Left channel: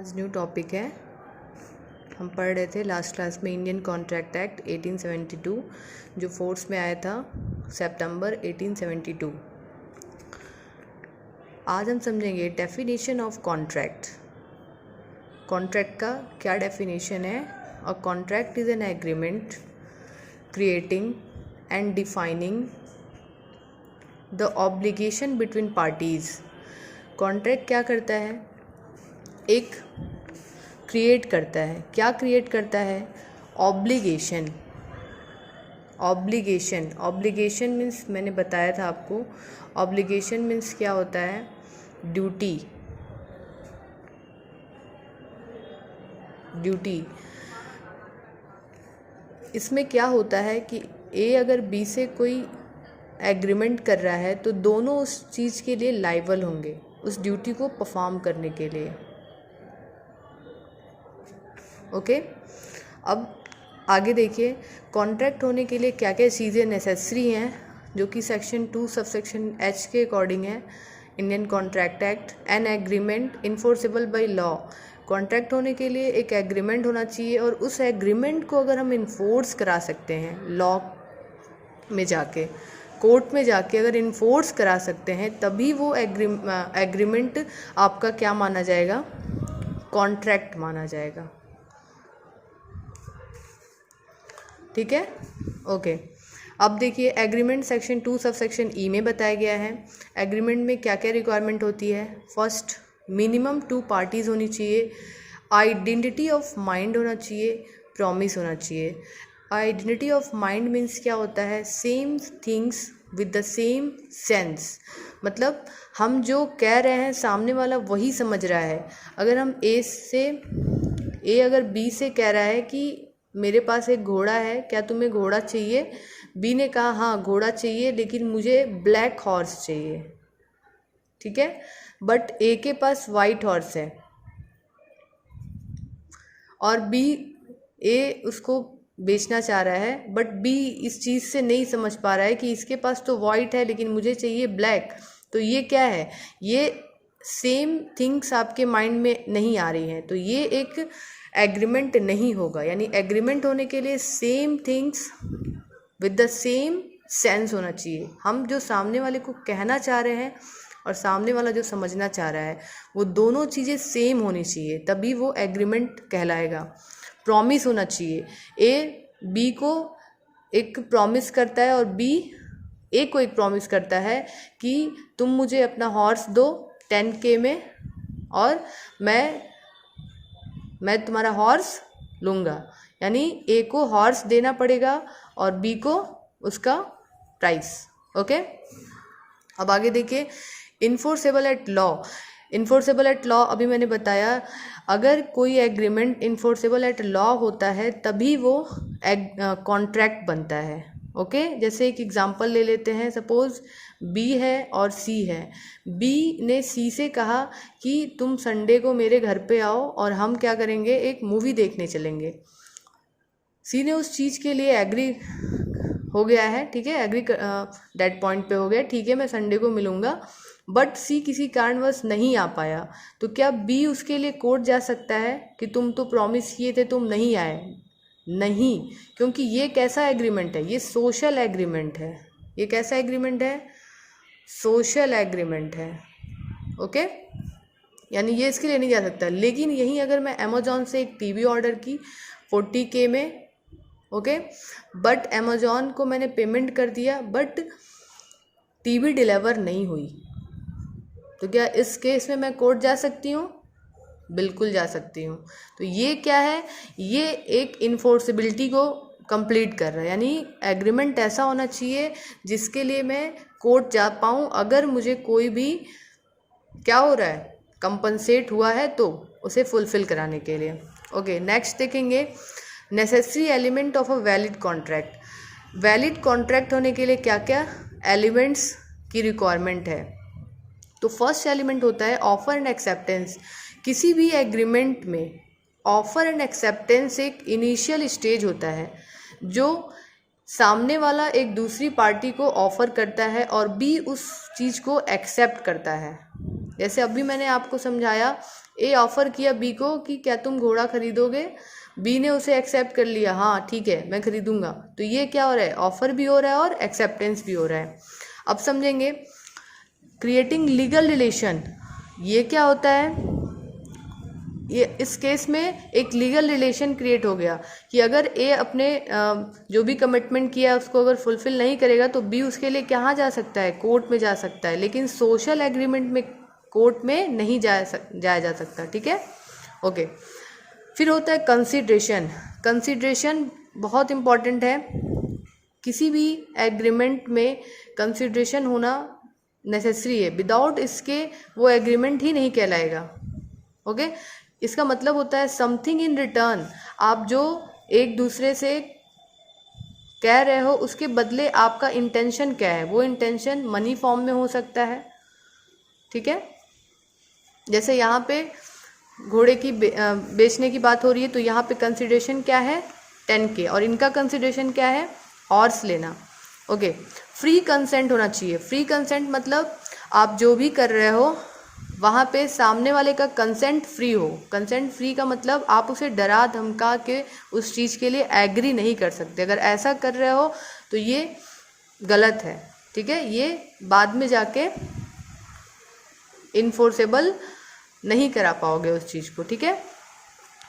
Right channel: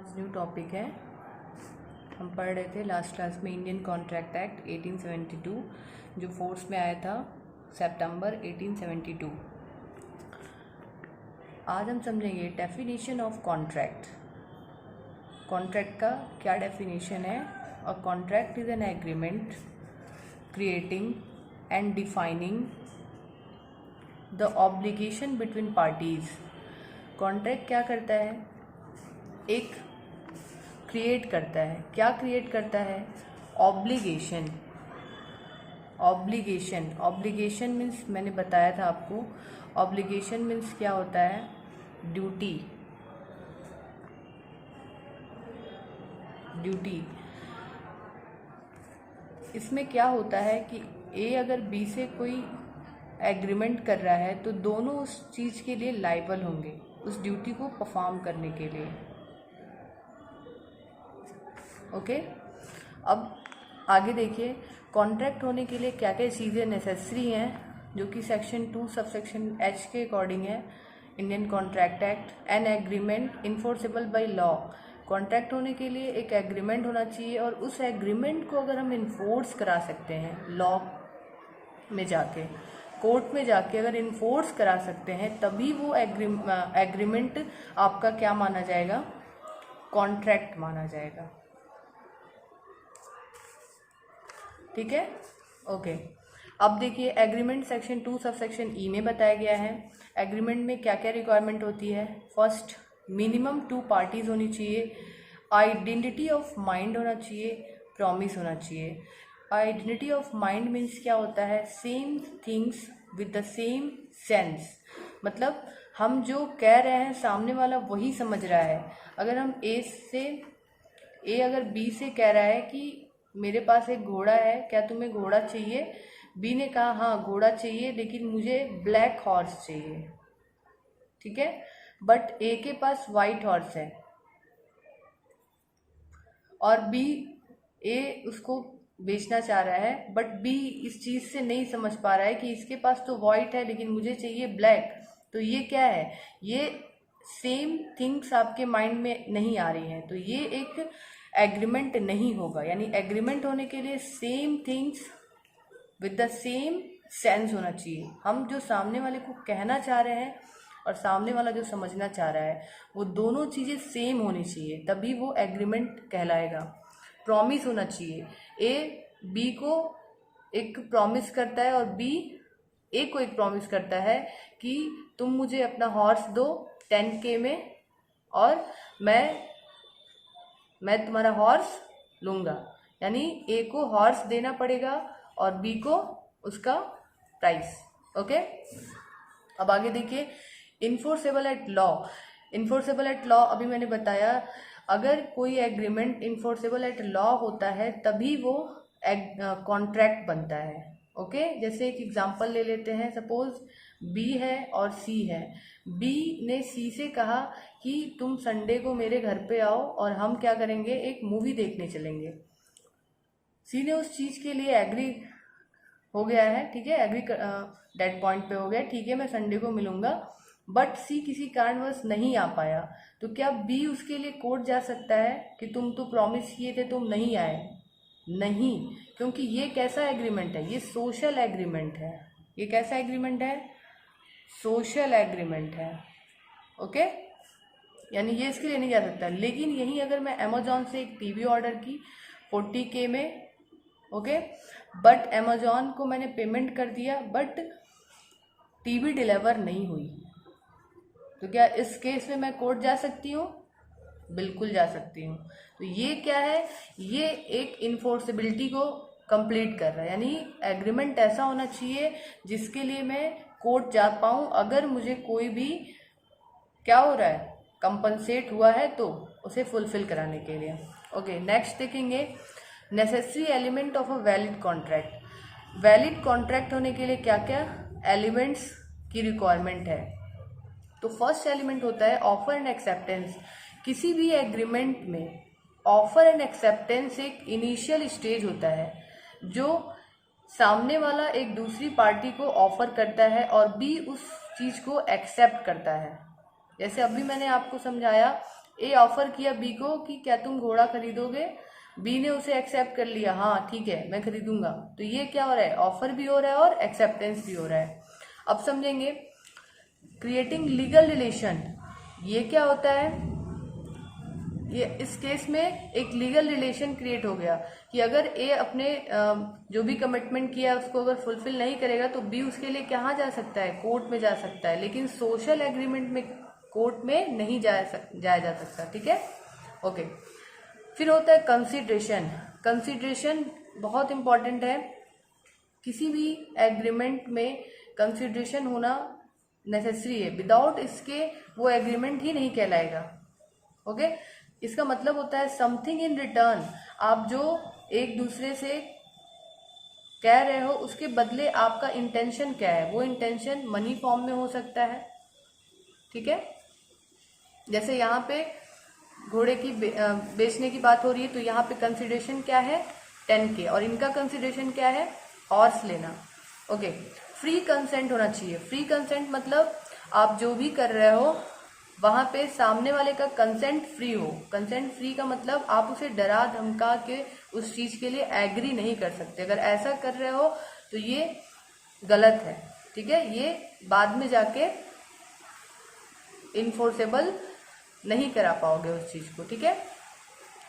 आज new topic है। हम पढ़ रहे थे लास्ट क्लास में इंडियन कॉन्ट्रैक्ट एक्ट 1872 जो फोर्स में आया था सितंबर 1872। आज हम समझेंगे डेफिनेशन ऑफ कॉन्ट्रैक्ट। कॉन्ट्रैक्ट का क्या डेफिनेशन है। A contract is an agreement creating and defining the obligation between parties. Contract क्या करता है, एक क्रिएट करता है। क्या क्रिएट करता है? ऑब्लिगेशन। ऑब्लिगेशन मीन्स मैंने बताया था आपको, ऑब्लिगेशन मीन्स क्या होता है? ड्यूटी। इसमें क्या होता है कि ए अगर बी से कोई एग्रीमेंट कर रहा है तो दोनों उस चीज़ के लिए लायबल होंगे, उस ड्यूटी को परफॉर्म करने के लिए। ओके अब आगे देखिए, कॉन्ट्रैक्ट होने के लिए क्या क्या चीज़ें नेसेसरी हैं, जो कि सेक्शन 2 सबसेक्शन एच के अकॉर्डिंग है। Indian contract act, an agreement enforceable by law. Contract होने के लिए एक एग्रीमेंट होना चाहिए और उस एग्रीमेंट को अगर हम इन्फोर्स करा सकते हैं, लॉ में जाके, कोर्ट में जाके अगर इन्फोर्स करा सकते हैं, तभी वो एग्रीमेंट आपका क्या माना जाएगा? कॉन्ट्रैक्ट माना जाएगा। ठीक है, ओके। अब देखिए, एग्रीमेंट सेक्शन 2 सबसेक्शन ई में बताया गया है। एग्रीमेंट में क्या क्या रिक्वायरमेंट होती है? फर्स्ट, मिनिमम 2 पार्टीज होनी चाहिए, आइडेंटिटी ऑफ माइंड होना चाहिए, प्रॉमिस होना चाहिए। आइडेंटिटी ऑफ माइंड मीन्स क्या होता है? Same things with the same sense. मतलब हम जो कह रहे हैं सामने वाला वही समझ रहा है। अगर हम ए अगर बी से कह रहा है कि मेरे पास एक घोड़ा है, क्या तुम्हें घोड़ा चाहिए? बी ने कहा हाँ घोड़ा चाहिए, लेकिन मुझे ब्लैक हॉर्स चाहिए। ठीक है, बट ए के पास वाइट हॉर्स है और बी ए उसको बेचना चाह रहा है, बट बी इस चीज़ से नहीं समझ पा रहा है कि इसके पास तो वाइट है लेकिन मुझे चाहिए ब्लैक। तो ये क्या है? ये सेम थिंग्स आपके माइंड में नहीं आ रही हैं, तो ये एक एग्रीमेंट नहीं होगा। यानी एग्रीमेंट होने के लिए same things with the same sense होना चाहिए। हम जो सामने वाले को कहना चाह रहे हैं और सामने वाला जो समझना चाह रहा है, वो दोनों चीज़ें सेम होनी चाहिए, तभी वो एग्रीमेंट कहलाएगा। प्रॉमिस होना चाहिए। ए बी को एक प्रॉमिस करता है और बी ए को एक प्रॉमिस करता है कि तुम मुझे अपना हॉर्स दो 10K में और मैं तुम्हारा हॉर्स लूँगा। यानी ए को हॉर्स देना पड़ेगा और बी को उसका प्राइस। ओके, अब आगे देखिए, enforceable at law. Enforceable at law अभी मैंने बताया, अगर कोई एग्रीमेंट इन्फोर्सेबल एट लॉ होता है तभी वो कॉन्ट्रैक्ट बनता है। ओके, जैसे एक एग्जांपल ले लेते हैं। सपोज बी है और सी है। बी ने सी से कहा कि तुम संडे को मेरे घर पे आओ और हम क्या करेंगे, एक मूवी देखने चलेंगे। सी ने उस चीज़ के लिए एग्री हो गया है, ठीक है, एग्री डेट पॉइंट पे हो गया, ठीक है मैं संडे को मिलूँगा। बट सी किसी कारणवश नहीं आ पाया, तो क्या बी उसके लिए कोर्ट जा सकता है कि तुम तो प्रॉमिस किए थे, तुम नहीं आए? नहीं, क्योंकि ये कैसा एग्रीमेंट है? ये सोशल एग्रीमेंट है। ये कैसा एग्रीमेंट है? सोशल एग्रीमेंट है। ओके, यानी ये इसके लिए नहीं जा सकता। लेकिन यहीं अगर मैं अमेजोन से एक टीवी ऑर्डर की 40K में, ओके, बट अमेजोन को मैंने पेमेंट कर दिया, बट टीवी डिलीवर नहीं हुई, तो क्या इस केस में मैं कोर्ट जा सकती हूँ? बिल्कुल जा सकती हूँ। तो ये क्या है? ये एक इन्फोर्सेबिलिटी को कंप्लीट कर रहा है। यानी एग्रीमेंट ऐसा होना चाहिए जिसके लिए मैं कोर्ट जा पाऊँ, अगर मुझे कोई भी क्या हो रहा है, कंपनसेट हुआ है, तो उसे फुलफिल कराने के लिए। ओके, नेक्स्ट देखेंगे, necessary element of a valid contract. Valid contract होने के लिए क्या क्या एलिमेंट्स की रिक्वायरमेंट है? तो फर्स्ट एलिमेंट होता है ऑफर एंड एक्सेप्टेंस। किसी भी एग्रीमेंट में ऑफर एंड एक्सेप्टेंस एक इनिशियल स्टेज होता है, जो सामने वाला एक दूसरी पार्टी को ऑफर करता है और बी उस चीज़ को एक्सेप्ट करता है। जैसे अभी मैंने आपको समझाया, ए ऑफर किया बी को कि क्या तुम घोड़ा खरीदोगे, बी ने उसे एक्सेप्ट कर लिया, हाँ ठीक है मैं खरीदूंगा, तो ये क्या हो रहा है, ऑफर भी हो रहा है और एक्सेप्टेंस भी हो रहा है। अब समझेंगे क्रिएटिंग लीगल रिलेशन, ये क्या होता है, ये इस केस में एक लीगल रिलेशन क्रिएट हो गया कि अगर ए अपने जो भी कमिटमेंट किया उसको अगर फुलफिल नहीं करेगा तो बी उसके लिए कहाँ जा सकता है, कोर्ट में जा सकता है, लेकिन सोशल एग्रीमेंट में कोर्ट में नहीं जाया जा सकता, ठीक है, ओके। फिर होता है कंसिडरेशन, कंसिडरेशन बहुत इम्पॉर्टेंट है, किसी भी एग्रीमेंट में कंसिडरेशन होना नेसेसरी है, विदाउट इसके वो एग्रीमेंट ही नहीं कहलाएगा, ओके। इसका मतलब होता है समथिंग इन रिटर्न, आप जो एक दूसरे से कह रहे हो उसके बदले आपका इंटेंशन क्या है, वो इंटेंशन मनी फॉर्म में हो सकता है, ठीक है। जैसे यहाँ पे घोड़े की बेचने की बात हो रही है, तो यहाँ पे कंसिडरेशन क्या है 10K, और इनका कंसिडरेशन क्या है, हॉर्स लेना, ओके। फ्री कंसेंट होना चाहिए, फ्री कंसेंट मतलब आप जो भी कर रहे हो वहाँ पे सामने वाले का कंसेंट फ्री हो। कंसेंट फ्री का मतलब आप उसे डरा धमका के उस चीज़ के लिए एग्री नहीं कर सकते, अगर ऐसा कर रहे हो तो ये गलत है, ठीक है, ये बाद में जाके इन्फोर्सेबल नहीं करा पाओगे उस चीज़ को, ठीक है।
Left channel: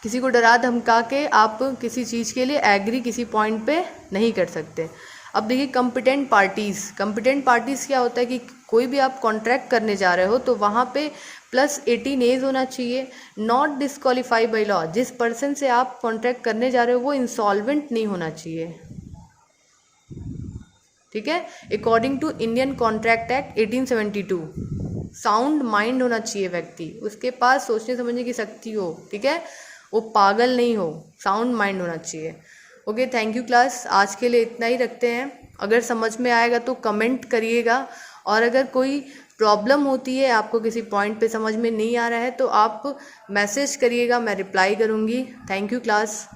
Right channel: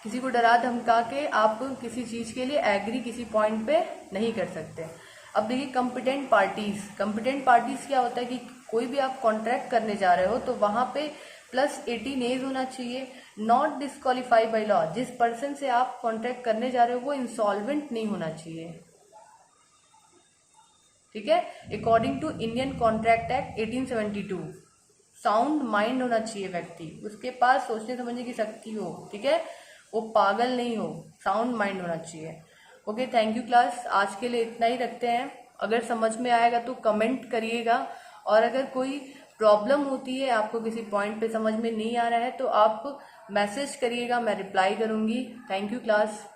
किसी को डरा धमका के आप किसी चीज़ के लिए एग्री किसी पॉइंट पे नहीं कर सकते। अब देखिए कॉम्पिटेंट पार्टीज़, कॉम्पिटेंट पार्टीज़ क्या होता है कि कोई भी आप कॉन्ट्रैक्ट करने जा रहे हो तो वहाँ पे +18 एज होना चाहिए, नॉट डिस्क्वालीफाई बाई लॉ, जिस पर्सन से आप कॉन्ट्रैक्ट करने जा रहे हो वो इंसॉल्वेंट नहीं होना चाहिए, ठीक है, according to Indian contract act 1872। Sound mind होना चाहिए व्यक्ति, उसके पास सोचने समझने की शक्ति हो, ठीक है, वो पागल नहीं हो, साउंड माइंड होना चाहिए, ओके। थैंक यू क्लास, आज के लिए इतना ही रखते हैं। अगर समझ में आएगा तो कमेंट करिएगा, और अगर कोई प्रॉब्लम होती है, आपको किसी पॉइंट पे समझ में नहीं आ रहा है तो आप मैसेज करिएगा, मैं रिप्लाई करूँगी। Thank you class.